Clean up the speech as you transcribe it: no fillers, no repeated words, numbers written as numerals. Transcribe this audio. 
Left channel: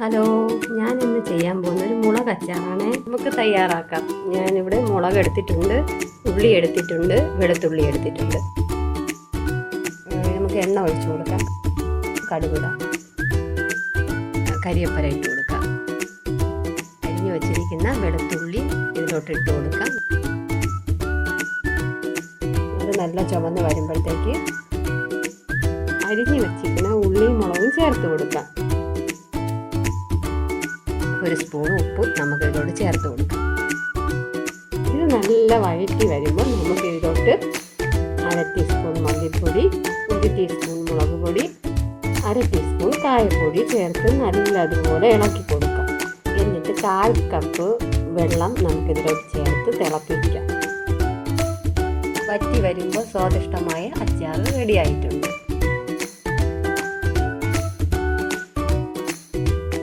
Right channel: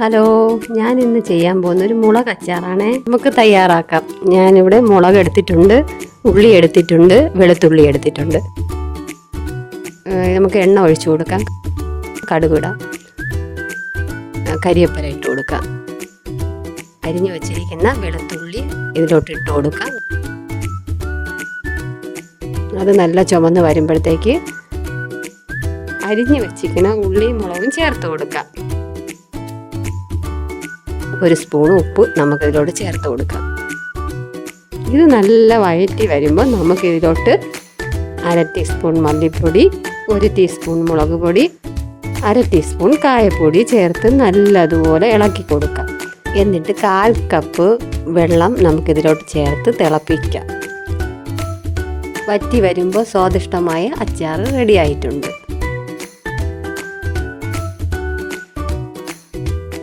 Hello, ഞാൻ ഇന്ന് ചെയ്യാൻ പോകുന്ന ഒരു മുളക് അച്ചാറാണ്. നമുക്ക് തയ്യാറാക്കാം. ഞാനിവിടെ മുളക് എടുത്തിട്ടുണ്ട്, ഉള്ളി എടുത്തിട്ടുണ്ട്, വെളുത്തുള്ളി എടുത്തിട്ടുണ്ട്. നമുക്ക് എണ്ണ ഒഴിച്ചു കൊടുക്കാം, കടുകിടാം, കരിവേപ്പില ഇട്ട് കൊടുക്കാം, അരിഞ്ഞു വച്ചിരിക്കുന്ന വെളുത്തുള്ളി ഇതിലോട്ട് ഇട്ട് കൊടുക്കാം. അത് നല്ല ചുമന്ന് വരുമ്പോഴത്തേക്ക് അരിഞ്ഞു വെച്ചിരിക്കുന്ന ഉള്ളിയും മുളകും ചേർത്ത് കൊടുക്കാം. ഒരു സ്പൂൺ ഉപ്പ് നമുക്ക് ഇതിലോട്ട് ചേർത്ത് കൊടുക്കാം. ഇത് നല്ല വഴറ്റി വരുമ്പോൾ നമുക്ക് ഇതിലോട്ട് 1/2 ടീസ്പൂൺ മല്ലിപ്പൊടി, 1 ടീസ്പൂൺ മുളക് പൊടി, 1/2 ടീസ്പൂൺ കായപ്പൊടി ചേർത്ത് നല്ലതുപോലെ ഇളക്കി കൊടുക്കാം. എന്നിട്ട് 1/4 കപ്പ് വെള്ളം നമുക്കിതിലോട്ട് ചേർത്ത് തിളപ്പിക്കാം. വറ്റി വരുമ്പോൾ സ്വാദിഷ്ടമായ അച്ചാർ റെഡി ആയിട്ടുണ്ട്.